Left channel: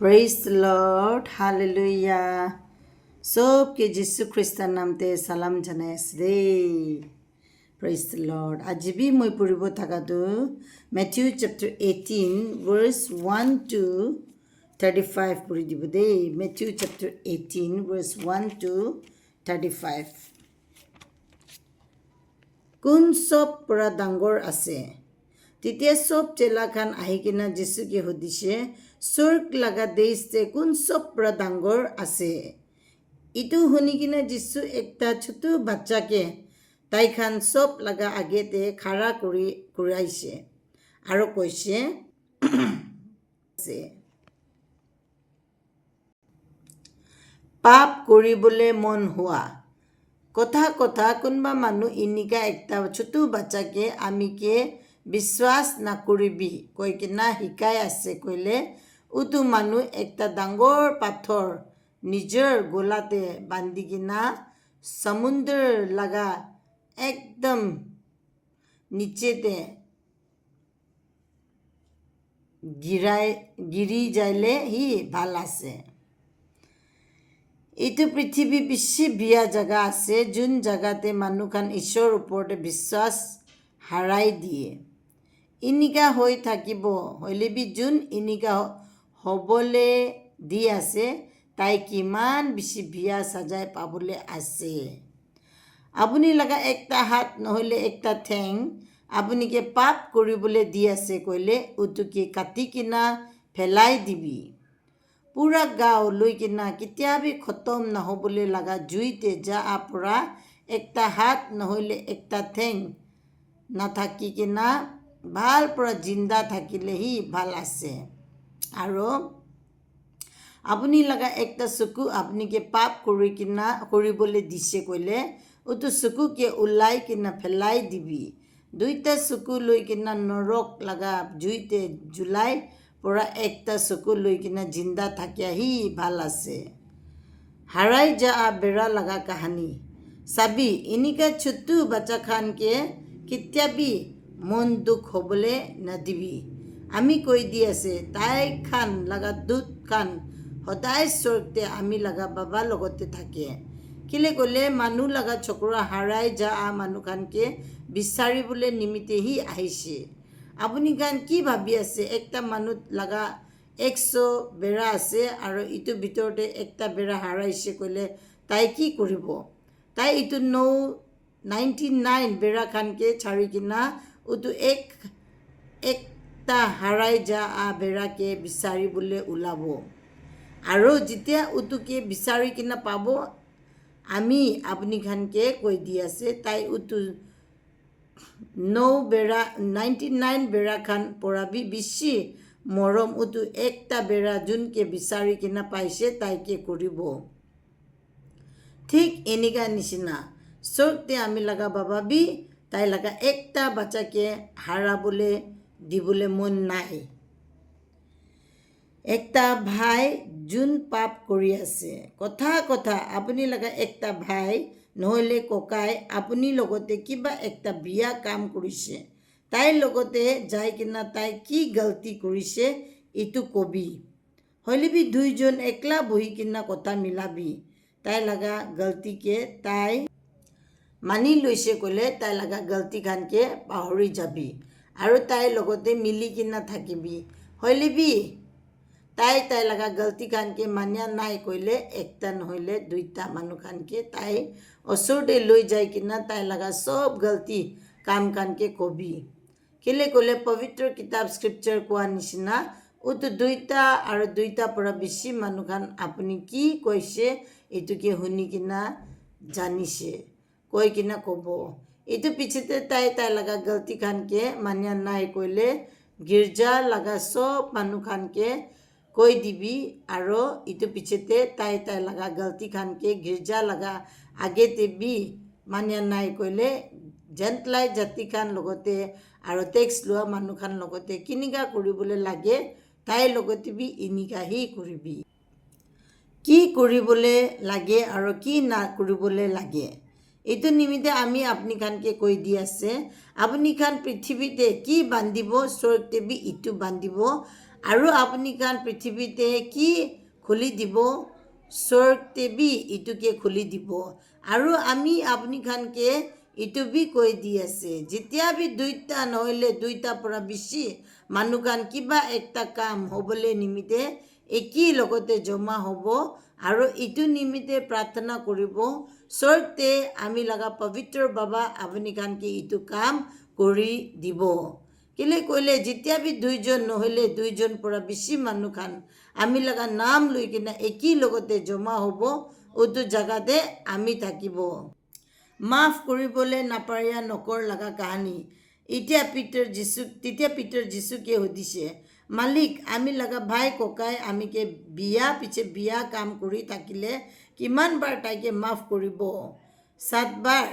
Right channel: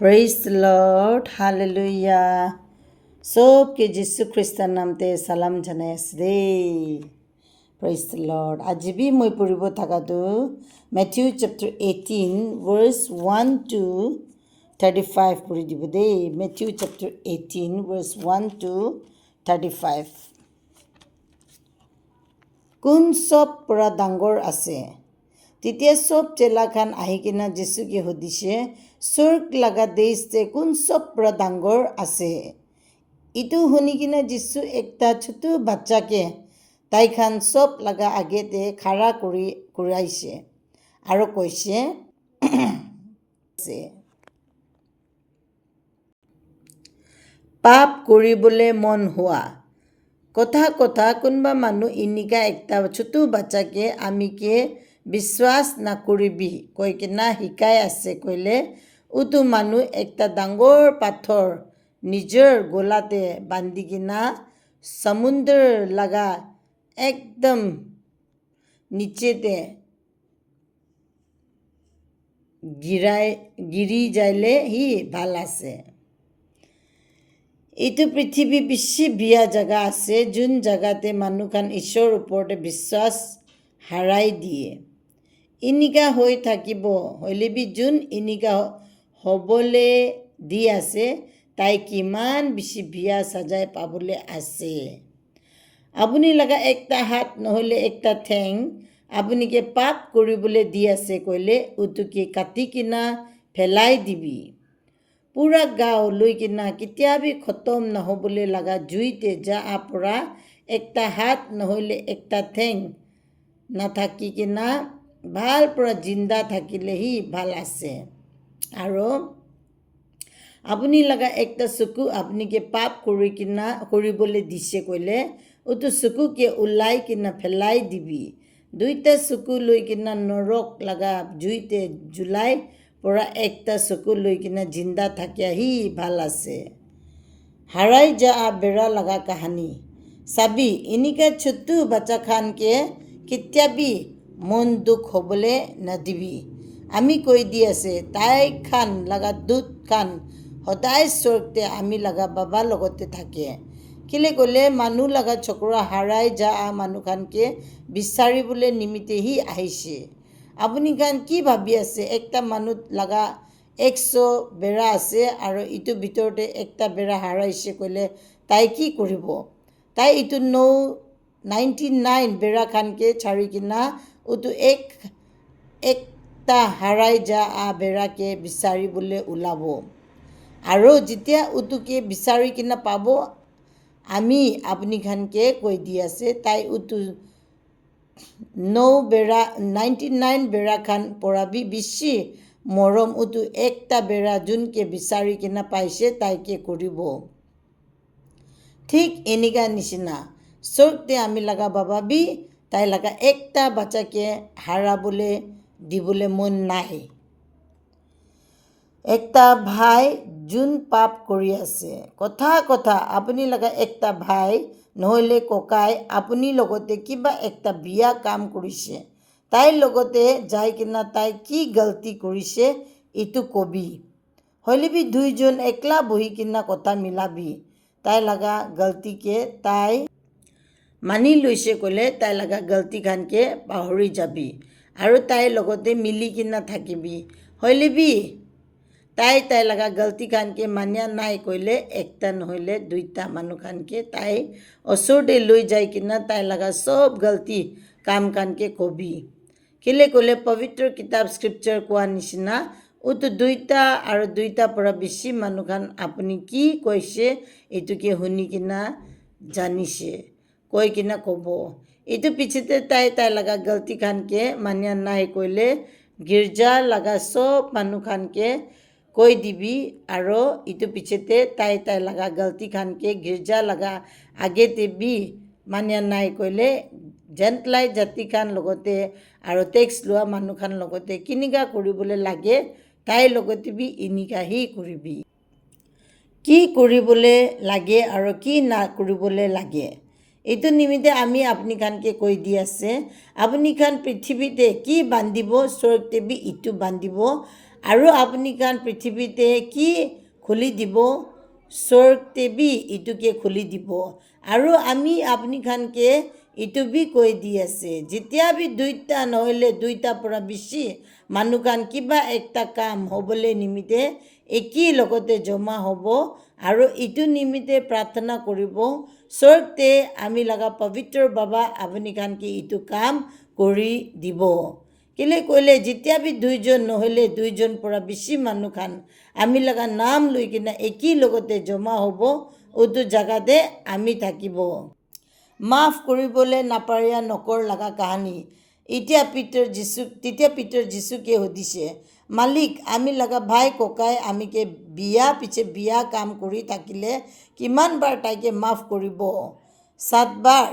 Praise the Lord. Hallelujah. सबके जिसु ख्रिस्टर नामते सालाम जनाइ आছো देই। Praise the Lord. আজি বি মই পঢ়িব থাকাটো Matthew chapter 18 verse 1 to 35 পঢ়ি দিব দেই। Matthew chapter 18 verse 1 to 35। কোন সব পৰা ডাঙৰ আছে? তেতিয়া সব চেলাখান আহি কিনা যিশুকে সুধিছে, স্বৰ্গ লগা দেশতে কোন সব পৰা ডাঙৰ আছে? ইটো শুনি কিনা যিশু একটা ছোট বাচ্চাকে তাইখান সব লগা আগেতে খাৰা কৰাইছে আৰু কৈছে, পাপ কৰিবলৈ মন হোৱা। কথা কোনোবা মানুহ ইনিকা একটা ছোট বাচ্চাকে আমিকে বিশ্বাস নকৰিবি কৈ কিনা শিকাই আছে কৈলে, উটো মানুহ একটা ডাঙৰ পাথৰ নিজৰ গোলাতে বান্ধি কিনা সমুদ্ৰ লগা একদম নিচেতে গিৰি যাইলে হি ভাল আছে। এইটো পৃথিৱী বেছি বিয়া জাগা আছে যোন জাগাতে মানুহখান ঈশ্বৰৰ ওপৰতে বিশ্বাস হাৰাই দিয়ে। ইনিকা হৈ থাকিব হ'লে বি যোন ইনিকা হ'বলৈ দি আছে তাই কিমান বেছি বিয়া সাজাই পাবলৈ আছে। আপুনি লগা একটা হাত নহ'লে একটা ঠেং আপুনিকে পাপ কৰিবলৈ দি আছে কৈলে উতুকে কাটি কিনা ফেলাই দিবি। পুৰা গাঁও লৈ কিনা কেতিয়াবি খতম নহ'বলৈ লগা জুইতে যা পৰা একটা হাত নহ'লে একটা ঠেং নাথাকি কিনা ভাল পৰা জিন্দা থাকিলেহি ভাল আছে। আৰু আপুনি লগা একটা চকু আপুনিকে পাপ কৰিবলৈ দিছে কৈলে উটো চকুকে ওলাই কিনা ফেলাই দিবি। দুইটা চকু লৈ কিনা নৰক লগা জুইতে জুলাই পৰা একটা চকু লৈ কিনা জিন্দা থাকিয়াহি ভাল আছে। হাৰাই যা বেৰা লগা কাহানী চাবি ইনিকা ছোট বাচ্চা খানকে কেতিয়াবি মন দুখ হ'বলৈ নাদিবি। আমি কৈ দি আছে তাই খান লগা দুধ খান সদায় স্বৰ্গতে আমি লগা বাবা লগতে থাকে। কেলে ক'লে মানুহ লগা চকুৰা হাৰাই যা মানুহখানকে বিচাৰিবলৈ নিমিত্তেহি আহিছে। আপুনি খান কি ভাবি আছে একটা মানুহ লগা 100 বেৰা আছে আৰু ইটো ভিতৰতে একটা বেৰা হাৰাইছে কৈলে তাই কি কৰিব? তাই ইটো 99 বেৰা খানকে ছাৰি কিনা উটো একটা হাৰাই যা বেৰাকে বিচাৰিবলৈ ওলাব। আৰু যেতিয়া উটোকে বিচাৰি কিনা পাব আমি আপুনি খানকে কৈ দি আছে তাই উটো 99 বেৰা খান পৰা বেছি মৰম উটো একটা বেৰা যোনকে বিচাৰি কিনা পাইছে তাইকে কৰিব। ঠিক এনেকা নিচিনা স্বৰ্গতে আমি লগা বাবা বি তাই লগা একটা বাচ্চাকে হাৰাবলৈ দিবলৈ মন নাই। একটা ভাই যোন পাপ কৰি আছে কথা আপুনি লগা একটা ভাই নহ'লে ককাই আপুনি লগতে কিবা একটা বিয়া কাম কৰিছে তাইৰ লগতে যাই কিনা তাই কি গলতি কৰিছে এইটো কবি। হ'লে বি দুইজন একলা বহি কিনা কথা মিলাবি। তাই লগা গলতিকে তাই মানি লৈছে ক'লে তাই লগা গলতি খানকে পাহৰি যাবি আৰু তাইৰ লগতে মিলি কিনা থাকিবি। হ'লে বি তাই লগা গলতি খানকে মানিয়া নাই কৈলে একটা নহ'লে দুইটা মানুহ খানকে তাই ওচৰতে লৈ যাই কিনা তাই লগা সব গলতি কাম খানকে কবি। কেলে ক'লে পবিত্ৰ কিতাপ স্ক্ৰিপচাৰ কোৱা নিচিনা উটো দুইটা আৰু দুইটা পৰা বেছি মানুহ খান আপুনি কি কৈছে এইটোকে শুনি কিনা জানিছে কৈ কিনা ক'ব। এইটো পিছতে তাই লগা গলতি খানকে মানিয়া নাই কৈলে গীৰ্জা লগা সব মানুহ খানকে কৈ দিবি আৰু ইটো পিছতে তাই লগা গলতি খানকে গীৰ্জা লগা আগেতে বি মানিয়া নাই কৈলে জেণ্টলাই জাতি খান লগতে আৰু টেক্স লোৱা মানুহ খান লগতে কিনিকা কৰিবলৈ লাগে তাইৰ লগতে বি ইনিকাহি কৰিবি। কি কৰিবলৈ লাগে আৰু কি না কৰিবলৈ লাগে এইটো নিমিত্তে আমি আপুনি খানকে কৈ দি আছে। আপুনি খান পৃথিৱীতে কি বান্ধিব স্বৰ্গতে বি ইটো বান্ধিব আৰু আপুনি খান পৃথিৱীতে কি খুলি দিব স্বৰ্গতে বি ইটোকে খুলি দিব আৰু আমি আপুনি খানকে ইটো বি কৈ দি আছে যেতিয়া বি দুইটা নহ'লে দুইটাৰ পৰা বেছি মানুহ খান কিবা একটা কাম হ'বলৈ নিমিত্তে একি লগতে জমা হ'ব আৰু ইটো নিমিত্তে প্ৰাৰ্থনা কৰিব স্বৰ্গতে আমি লগা পবিত্ৰ বাবা আপুনি খানকে ইটো কাম কৰি দিব কেলে কৈলে যেতিয়া বি দুইজন নহ'লে দুইজন পৰা বেছি মানুহ খান আমি লগা নাম লৈ কিনে একি লগতে জমা হ'ব উটো জাগাতে আমি থাকিব মাফ কৰিবলৈ নাপাৰিয়া নকৰ লগা কাহানী তেতিয়া পিতৰ যীশুকে সুধিছে মালিক আমি লগা ভাই ককাই আমিকে বিয়া পিছে বিয়া কাম কৰি থাকিলে কিমান বাৰ তাইকে মাফ কৰিব 7 বাৰ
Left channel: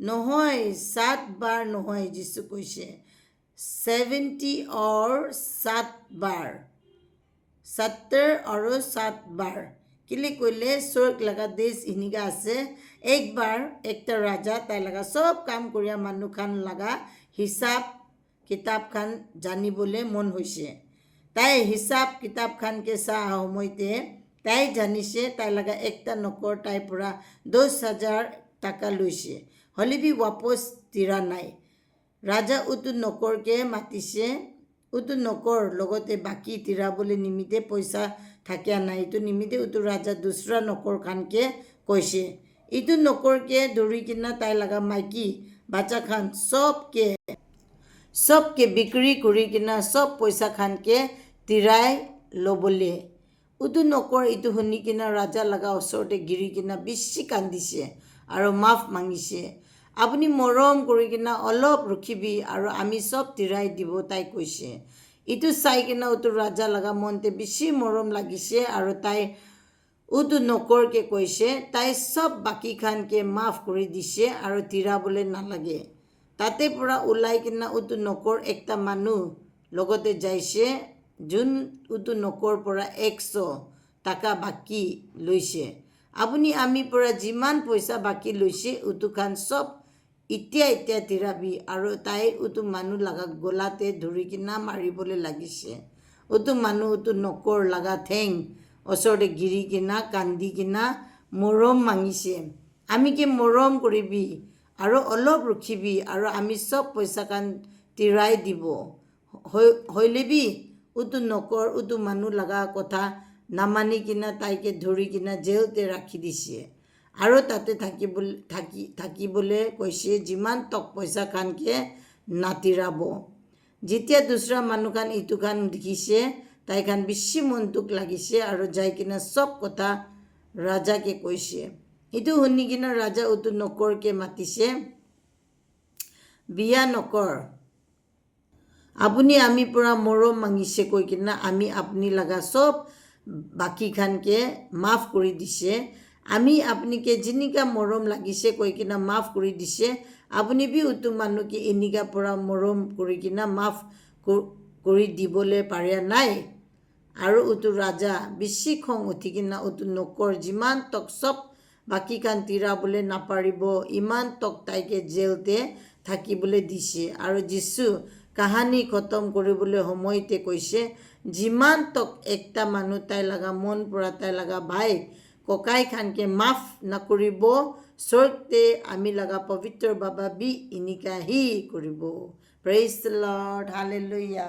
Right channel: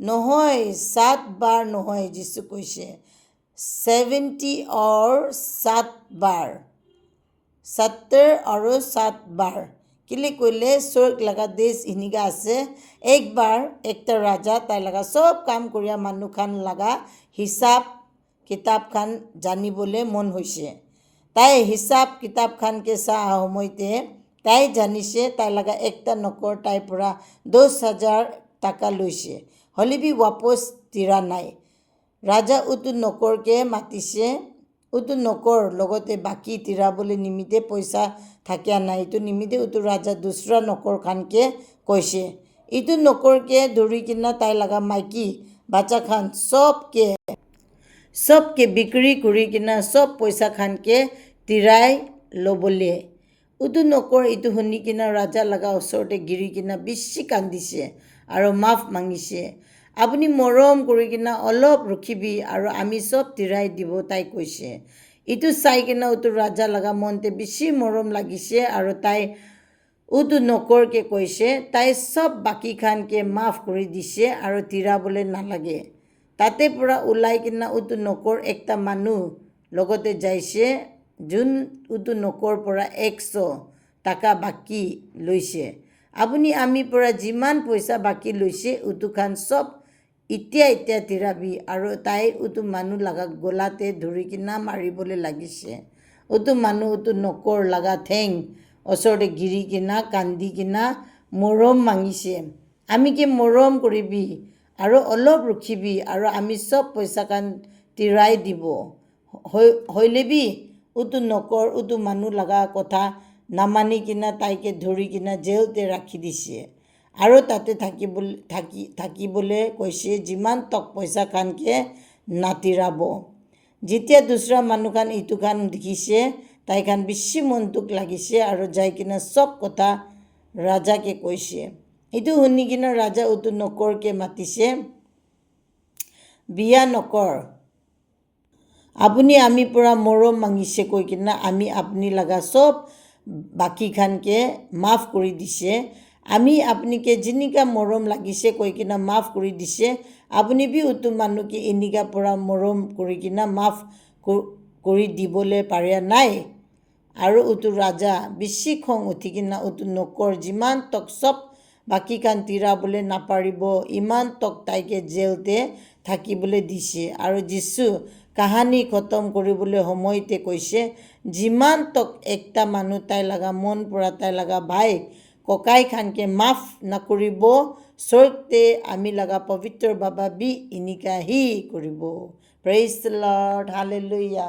নহয় 7 বাৰ নহয় যীশু কৈছে 70 और 7 बार 70 और 7 बार কেলে কৈলে স্বৰ্গ লগা দেশ ইনিকা আছে একবাৰ একটা ৰাজা তাই লগা সব কাম কৰিয়া মানুহ খান লগা হিচাপ কিতাপ খান জানিবলৈ মন হৈছে তাই হিচাপ কিতাপ খানকে চাহ সময়তে তাই জানিছে তাই লগা একটা নকৰ তাইৰ পৰা 10,000 টাকা লৈছে হলিবি ৱাপছ তিৰা নাই ৰাজা উটো নকৰকে মাতিছে উটো নকৰ লগতে বাকী তিৰাবলৈ নিমিত্তে পইচা থাকিয়া নাই ইটো নিমিত্তে উটো ৰাজা দুসৰা নকৰ খানকে কৈছে ইটো নকৰকে ধৰি কিনা তাই লগা মাইকী বাচ্চা খান সবকে বিক্ৰী কৰি কিনা সব পইচা খানকে তিৰাই ল'বলে উটো নকৰ ইটো শুনি কিনা ৰাজা লগা ওচৰতে গিৰি কিনা বেছি কান্দিছে আৰু মাফ মাগিছে আপুনি মৰম কৰি কিনা অলপ ৰখিবি আৰু আমি সব তিৰাই দিব তাই কৈছে ইটো চাই কিনা উটো ৰাজা লগা মনতে বেছি মৰম লাগিছে আৰু তাই উটো নকৰকে কৈছে তাই সব বাকী খানকে মাফ কৰি দিছে আৰু তিৰাবলৈ নালাগে তাতে পৰা ওলাই কিনা উটো নকৰ একটা মানুহ লগতে যাইছে যোন উটো নকৰ পৰা 100 টাকা বাকী লৈছে আপুনি আমি পৰা যিমান পইচা বাকী লৈছে উটো খান সব এতিয়া তিৰাবি আৰু তাই উটো মানুহ লগা গলাতে ধৰি কিনা মাৰিবলৈ লাগিছে উটো মানুহ উটো নকৰ লগা ঠেং ওচৰতে গিৰি কিনা কান্দি কিনা মৰম মাগিছে আমি কি মৰম কৰিবি আৰু অলপ ৰখিবি আৰু আমি সব পইচা খান তিৰাই দিব হইলেবি উটো নকৰ উটো মানুহ লগা কথা নামানি কিনা তাইকে ধৰি কিনা জেলতে ৰাখি দিছে আৰু তাতে থাকিবলৈ কৈছে যিমান টক পইচা খানকে নাতিৰাব যেতিয়া দুসৰা মানুহ খান ইটো খান দেখিছে তাই খান বেছি মনটোক লাগিছে আৰু যাই কিনা সব কথা ৰাজাকে কৈছে ইটো শুনি কিনা ৰাজা উটো নকৰকে মাতিছে বিয়া নকৰ আপুনি আমি পৰা মৰম মাগিছে কৈ কিনা আমি আপুনি লগা সব বাকী খানকে মাফ কৰি দিছে আমি আপুনিকে যেনেকা মৰম লাগিছে কৈ কিনা মাফ কৰি দিছে আপুনি বি উটো মানুহকে এনেকা পৰা মৰম কৰি কিনা মাফ কৰি দিবলৈ পাৰে নাই আৰু উটো ৰাজা বেছি খং উঠি কিনা উটো নকৰ যিমান টক সব বাকী খান তিৰাবলৈ নাপাৰিব ইমান টক তাইকে জেলতে থাকিবলৈ দিছে আৰু যীশু কাহানী খতম কৰিবলৈ সময়তে কৈছে যিমান টক একটা মানুহ তাই লগা মন পৰা তাই লগা ভাই ককাই খানকে মাফ নকৰিব স্বৰ্গতে আমি লগা পবিত্ৰ বাবা বি ইনিকা হি কৰিব প্ৰেইজ দ্য লৰ্ড হালেলুয়া